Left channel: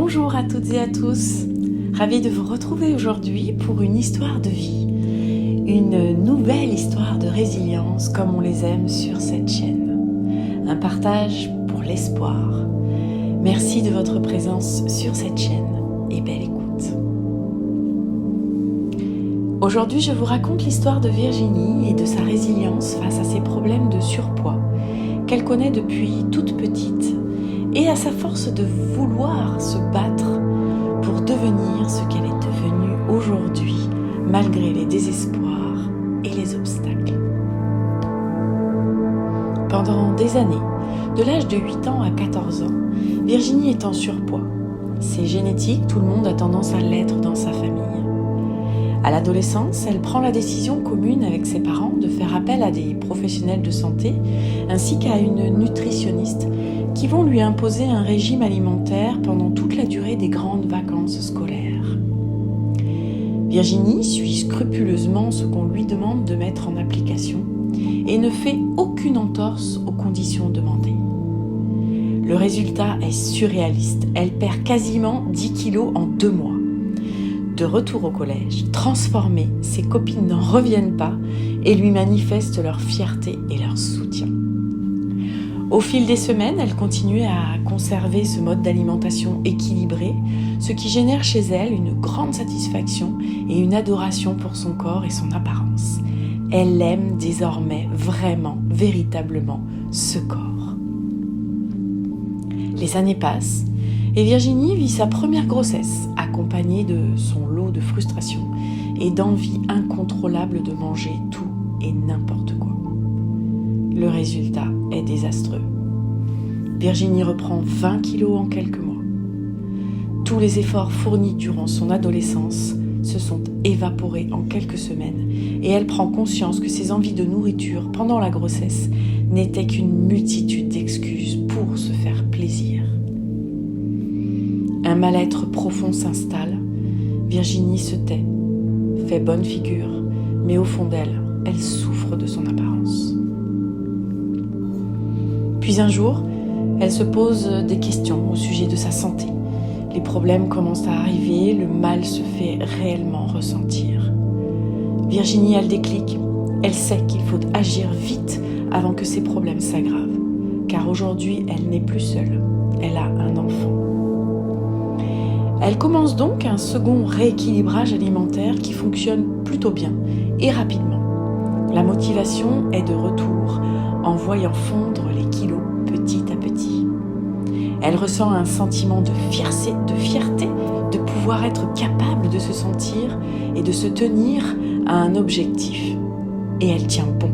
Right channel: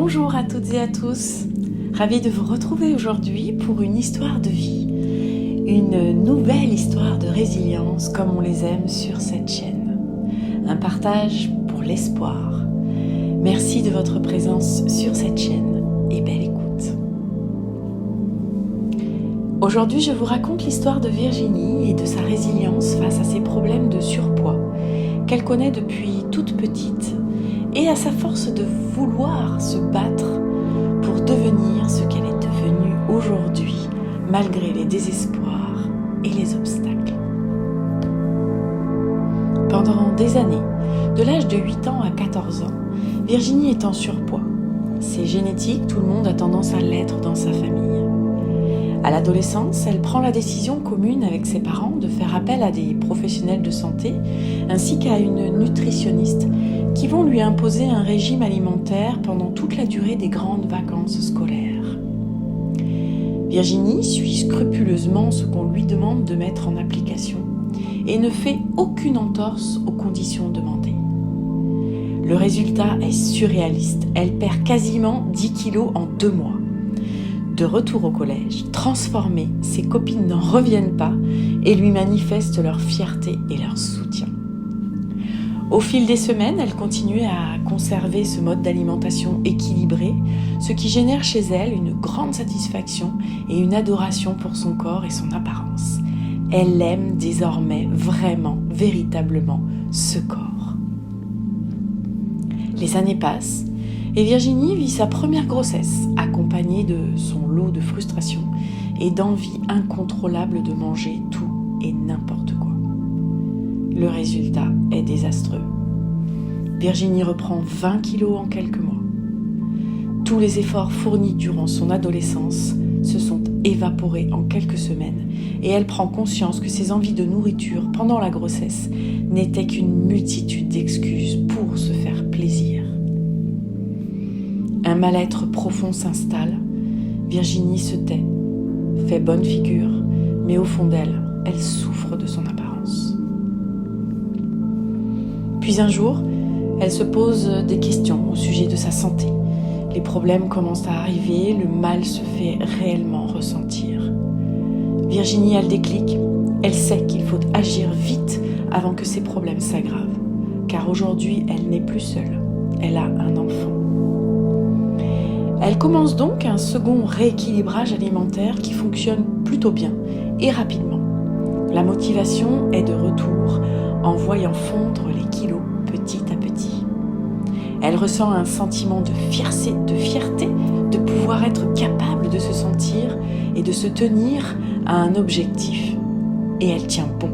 Bonjour à toutes et à tous, ravie de vous retrouver aujourd'hui pour une histoire de vie, une nouvelle histoire de résilience comme on les aime sur cette chaîne, un partage pour l'espoir. Merci de votre présence sur cette chaîne et belle écoute. Aujourd'hui, je vous raconte l'histoire de Virginie et de sa résilience face à ses problèmes de surpoids qu'elle connaît depuis toute petite et à sa force de vouloir se battre pour devenir ce qu'elle est devenue aujourd'hui, malgré les désespoirs et les obstacles. Pendant des années, de l'âge de 8 ans à 14 ans, Virginie est en surpoids. C'est génétique, tout le monde a tendance à l'être dans sa famille. À l'adolescence, elle prend la décision commune avec ses parents de faire appel à des professionnels de santé ainsi qu'à une nutritionniste qui vont lui imposer un régime alimentaire pendant toute la durée des grandes vacances scolaires. Virginie suit scrupuleusement ce qu'on lui demande de mettre en application et ne fait aucune entorse aux conditions demandées. Le résultat est surréaliste, elle perd quasiment 10 kilos en 2 mois. De retour au collège, transformée, ses copines n'en reviennent pas et lui manifestent leur fierté et leur soutien. Au fil des semaines, elle continue à conserver ce mode d'alimentation équilibré, ce qui génère chez elle une grande satisfaction et une adoration pour son corps et son apparence. Elle aime désormais vraiment, véritablement, ce corps. Les années passent et Virginie vit sa première grossesse, accompagnée de son lot de frustration et d'envie incontrôlable de manger tout et n'importe quoi. Le résultat est désastreux. Virginie reprend 20 kilos en quelques mois. Tous les efforts fournis durant son adolescence se sont évaporés en quelques semaines et elle prend conscience que ses envies de nourriture pendant la grossesse n'étaient qu'une multitude d'excuses pour se faire plaisir. Un mal-être profond s'installe. Virginie se tait, fait bonne figure, mais au fond d'elle, elle souffre de son apparence. Puis un jour, elle se pose des questions au sujet de sa santé. Les problèmes commencent à arriver, le mal se fait réellement ressentir. Virginie a le déclic. Elle sait qu'il faut agir vite avant que ses problèmes s'aggravent. Car aujourd'hui, elle n'est plus seule. Elle a un enfant. Elle commence donc un second rééquilibrage alimentaire qui fonctionne plutôt bien et rapidement. La motivation est de retour en voyant fondre les kilos petit à petit. Elle ressent un sentiment de fierté de pouvoir être capable de se sentir et de se tenir à un objectif. Et elle tient bon.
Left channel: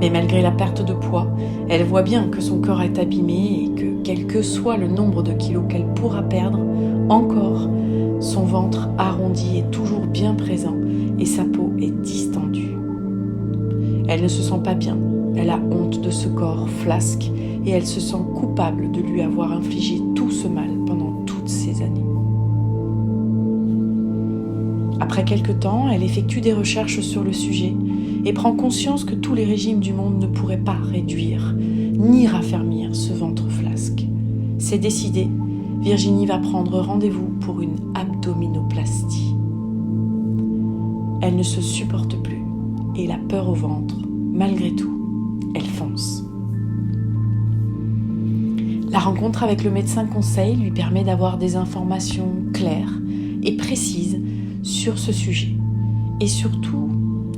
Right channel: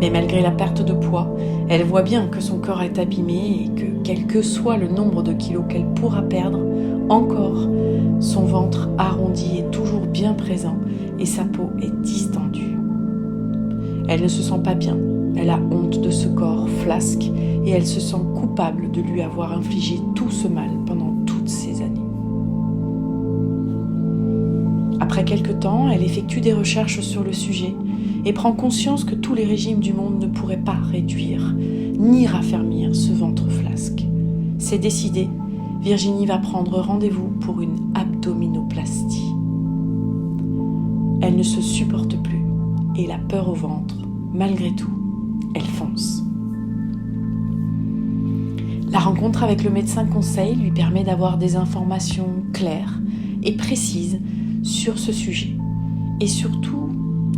Mais malgré la perte de poids, elle voit bien que son corps est abîmé et que, quel que soit le nombre de kilos qu'elle pourra perdre, encore, son ventre arrondi est toujours bien présent et sa peau est distendue. Elle ne se sent pas bien, elle a honte de ce corps flasque et elle se sent coupable de lui avoir infligé tout ce mal pendant toutes ces années. Après quelque temps, elle effectue des recherches sur le sujet et prend conscience que tous les régimes du monde ne pourraient pas réduire ni raffermir ce ventre flasque. C'est décidé, Virginie va prendre rendez-vous pour une abdominoplastie. Elle ne se supporte plus et la peur au ventre, malgré tout, elle fonce. La rencontre avec le médecin conseil lui permet d'avoir des informations claires et précises sur ce sujet et surtout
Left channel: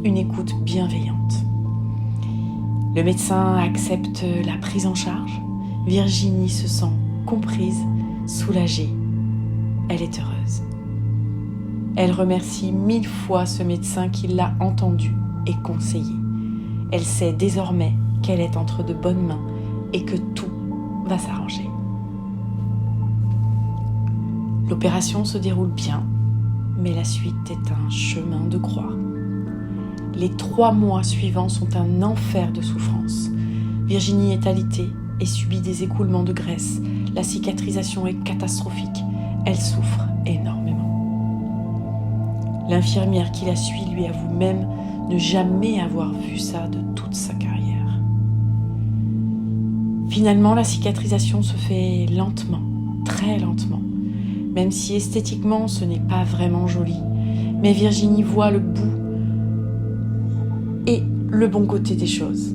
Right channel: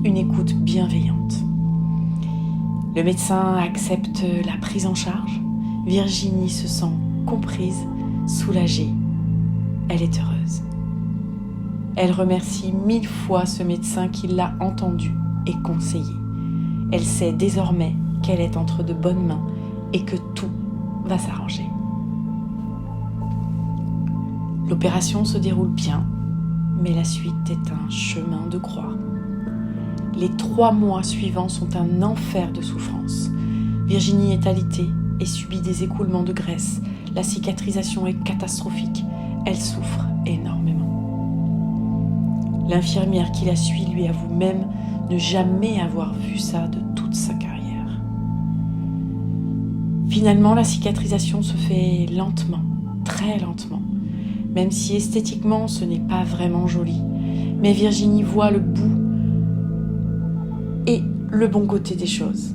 une écoute bienveillante. Le médecin accepte la prise en charge. Virginie se sent comprise, soulagée. Elle est heureuse. Elle remercie 1000 fois ce médecin qui l'a entendue et conseillée. Elle sait désormais qu'elle est entre de bonnes mains et que tout va s'arranger. L'opération se déroule bien, mais la suite est un chemin de croix. Les 3 mois suivants sont un enfer de souffrance. Virginie est alitée et subit des écoulements de graisse. La cicatrisation est catastrophique. Elle souffre énormément. L'infirmière qui la suit lui avoue même ne jamais avoir vu ça de toute sa carrière. Finalement, la cicatrisation se fait lentement, très lentement, même si esthétiquement ce n'est pas vraiment joli. Mais Virginie voit le bout et le bon côté des choses.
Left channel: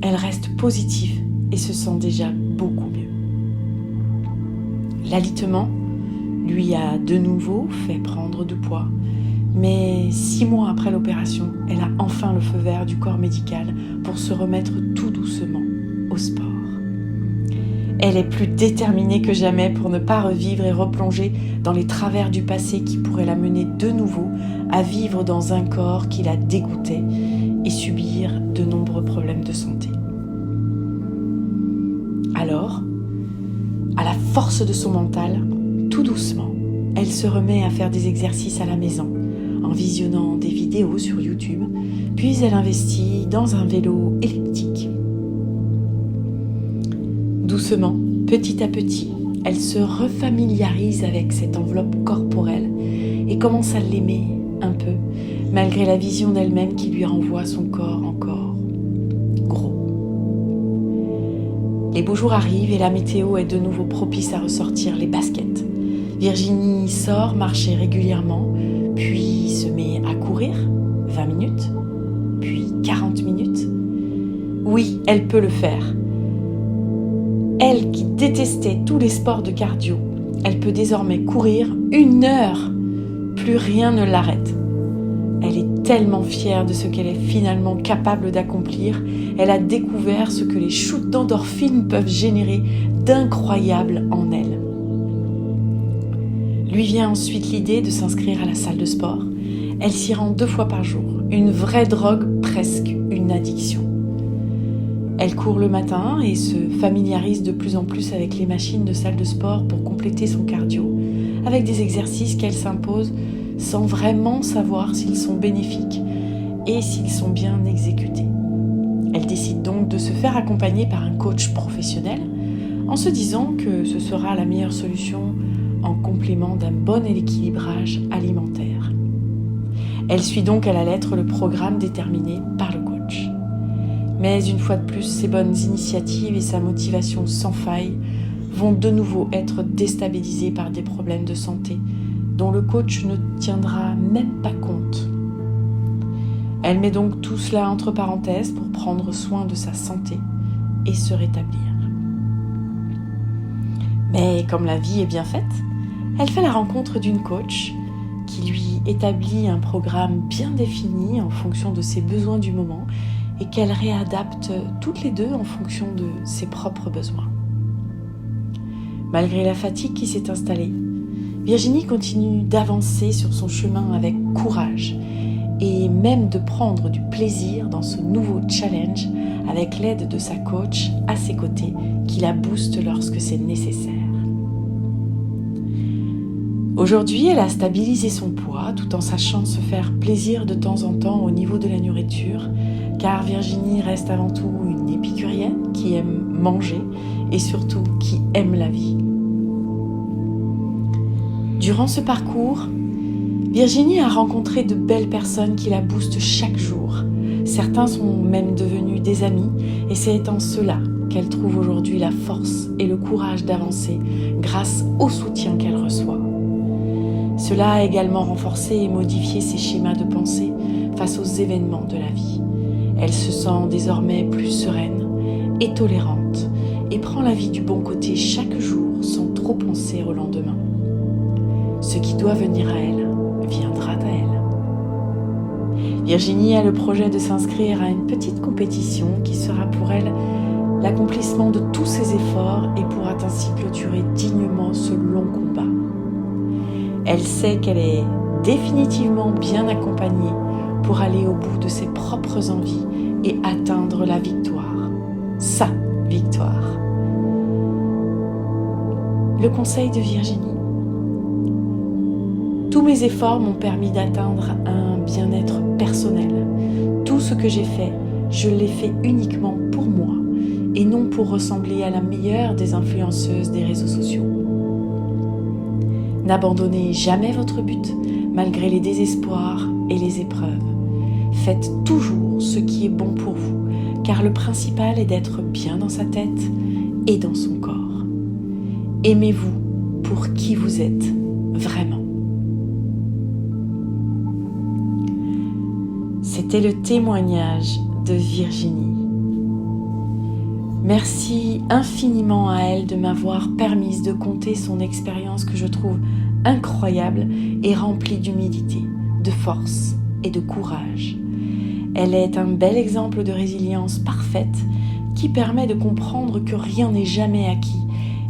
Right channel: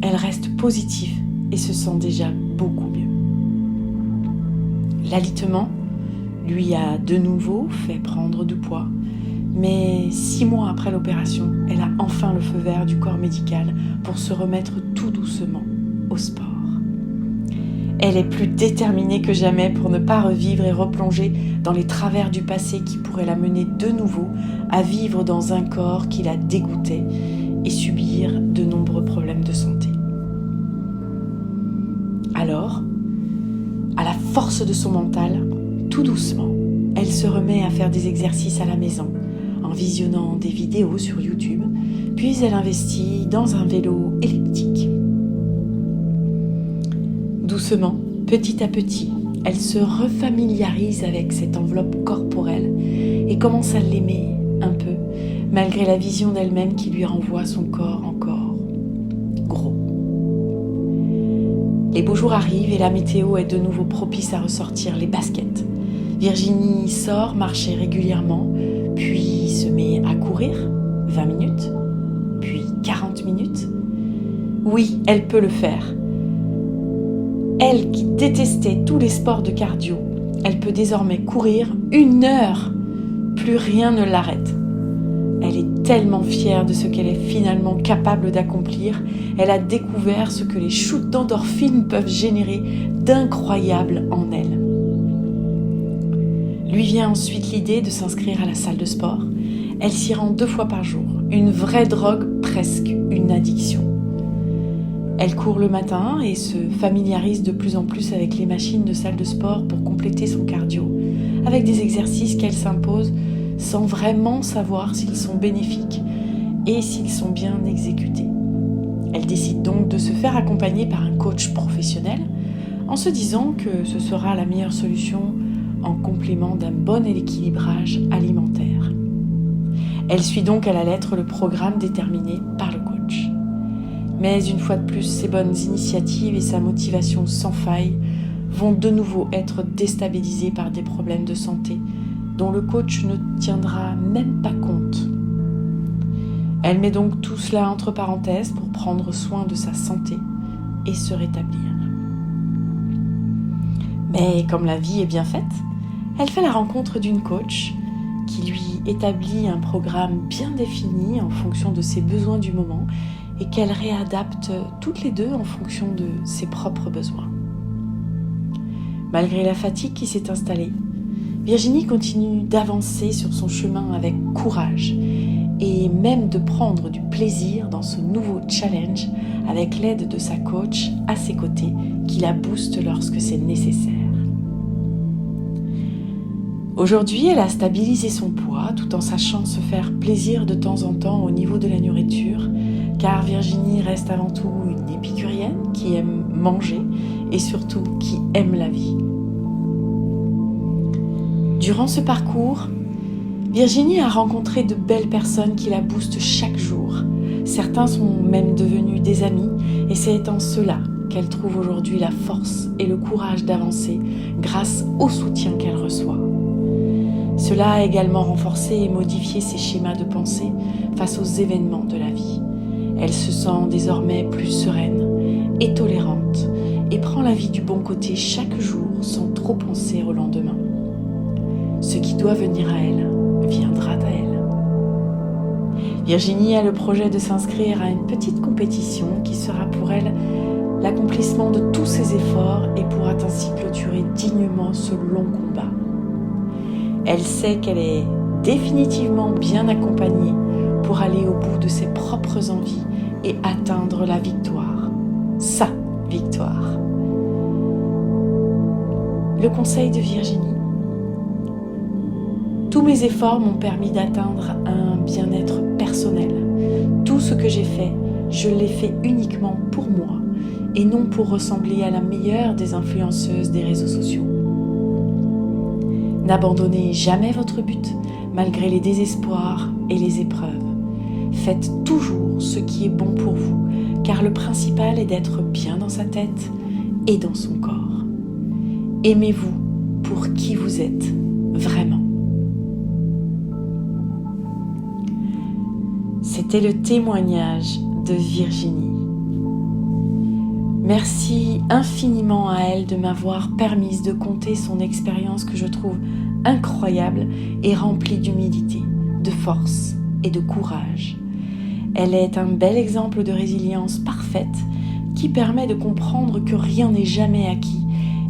Elle reste positive et se sent déjà beaucoup mieux. L'alitement lui a de nouveau fait prendre du poids, mais 6 mois après l'opération, elle a enfin le feu vert du corps médical pour se remettre tout doucement au sport. Elle est plus déterminée que jamais pour ne pas revivre et replonger dans les travers du passé qui pourraient la mener de nouveau à vivre dans un corps qui la dégoûtait et subir de nombreux problèmes de santé. Alors, à la force de son mental, tout doucement, elle se remet à faire des exercices à la maison, en visionnant des vidéos sur YouTube, puis elle investit dans un vélo elliptique. Doucement, petit à petit, elle se refamiliarise avec cette enveloppe corporelle et commence à l'aimer un peu, malgré la vision d'elle-même qui lui renvoie son corps encore gros. Les beaux jours arrivent et la météo est de nouveau propice à ressortir les baskets. Virginie sort marcher régulièrement, puis se met à courir 20 minutes, puis 40 minutes. Oui, elle peut le faire. Elle qui détestait tous les sports de cardio, elle peut désormais courir 1 heure. Plus rien ne l'arrête. Elle est tellement fière de ce qu'elle est finalement capable d'accomplir. Elle a découvert ce que les shoots d'endorphines peuvent générer d'incroyable en elle. Lui vient ensuite l'idée de s'inscrire à la salle de sport. Elle s'y rend 2 fois par jour, une vraie drogue, presque une addiction. Elle court le matin et se familiarise de plus en plus avec les machines de salle de sport pour compléter son cardio, avec des exercices qu'elle s'impose sans vraiment savoir s'ils sont bénéfiques et s'ils sont bien exécutés. Elle décide donc de se faire accompagner par un coach professionnel en se disant que ce sera la meilleure solution en complément d'un bon équilibrage alimentaire. Elle suit donc à la lettre le programme déterminé par le coach. Mais une fois de plus, ses bonnes initiatives et sa motivation sans faille vont de nouveau être déstabilisées par des problèmes de santé dont le coach ne tiendra même pas compte. Elle met donc tout cela entre parenthèses pour prendre soin de sa santé et se rétablir. Mais comme la vie est bien faite, elle fait la rencontre d'une coach qui lui établit un programme bien défini en fonction de ses besoins du moment et qu'elle réadapte toutes les deux en fonction de ses propres besoins. Malgré la fatigue qui s'est installée, Virginie continue d'avancer sur son chemin avec courage et même de prendre du plaisir dans ce nouveau challenge avec l'aide de sa coach à ses côtés qui la booste lorsque c'est nécessaire. Aujourd'hui, elle a stabilisé son poids tout en sachant se faire plaisir de temps en temps au niveau de la nourriture, car Virginie reste avant tout une épicurienne qui aime manger et surtout qui aime la vie. Durant ce parcours, Virginie a rencontré de belles personnes qui la boostent chaque jour. Certains sont même devenus des amis et c'est en cela qu'elle trouve aujourd'hui la force et le courage d'avancer grâce au soutien qu'elle reçoit. Cela a également renforcé et modifié ses schémas de pensée face aux événements de la vie. Elle se sent désormais plus sereine et tolérante et prend la vie du bon côté chaque jour sans trop penser au lendemain. Ce qui doit venir à elle viendra à elle. Virginie a le projet de s'inscrire à une petite compétition qui sera pour elle l'accomplissement de tous ses efforts et pourra ainsi clôturer dignement ce long combat. Elle sait qu'elle est définitivement bien accompagnée pour aller au bout de ses propres envies et atteindre la victoire. Sa victoire. Le conseil de Virginie. Tous mes efforts m'ont permis d'atteindre un bien-être personnel. Tout ce que j'ai fait, je l'ai fait uniquement pour moi et non pour ressembler à la meilleure des influenceuses des réseaux sociaux. N'abandonnez jamais votre but, malgré les désespoirs et les épreuves. Faites toujours ce qui est bon pour vous, car le principal est d'être bien dans sa tête et dans son corps. Aimez-vous pour qui vous êtes vraiment. C'était le témoignage de Virginie. Merci infiniment à elle de m'avoir permis de conter son expérience que je trouve incroyable et remplie d'humilité, de force et de courage. Elle est un bel exemple de résilience parfaite qui permet de comprendre que rien n'est jamais acquis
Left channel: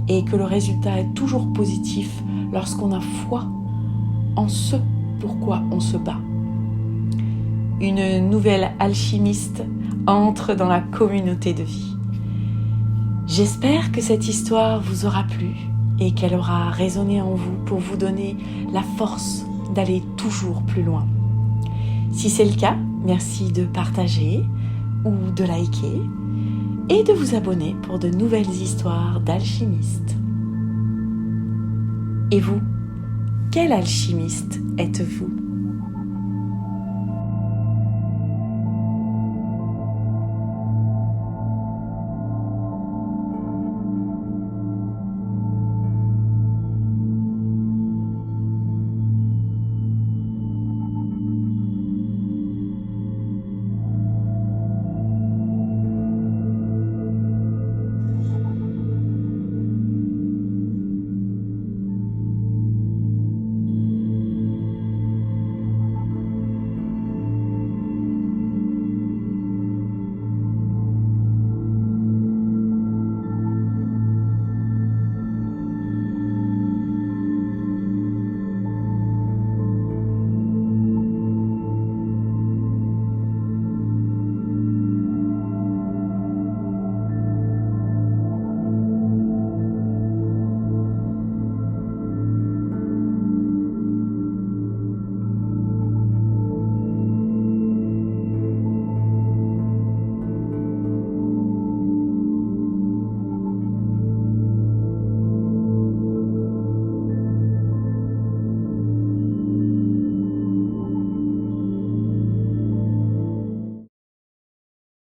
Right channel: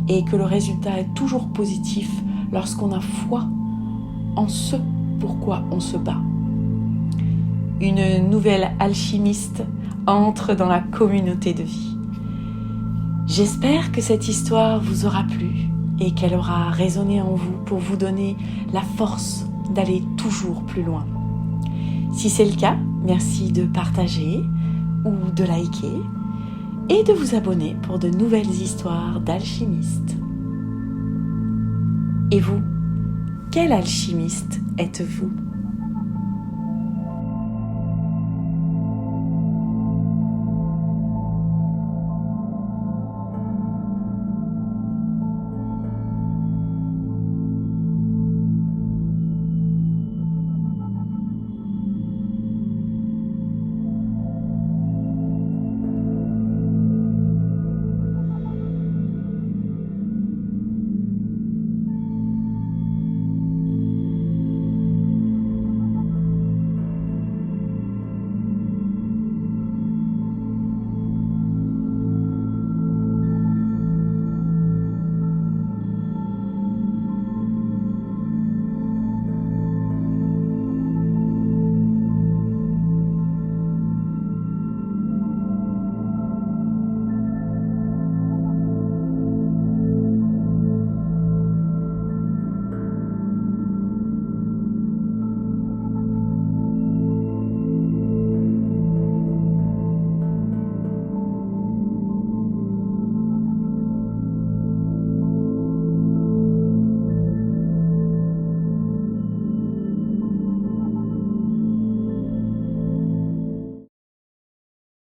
et que le résultat est toujours positif lorsqu'on a foi en ce pourquoi on se bat. Une nouvelle alchimiste entre dans la communauté de vie. J'espère que cette histoire vous aura plu et qu'elle aura résonné en vous pour vous donner la force d'aller toujours plus loin. Si c'est le cas, merci de partager ou de liker et de vous abonner pour de nouvelles histoires d'alchimistes. Et vous, quel alchimiste êtes-vous ?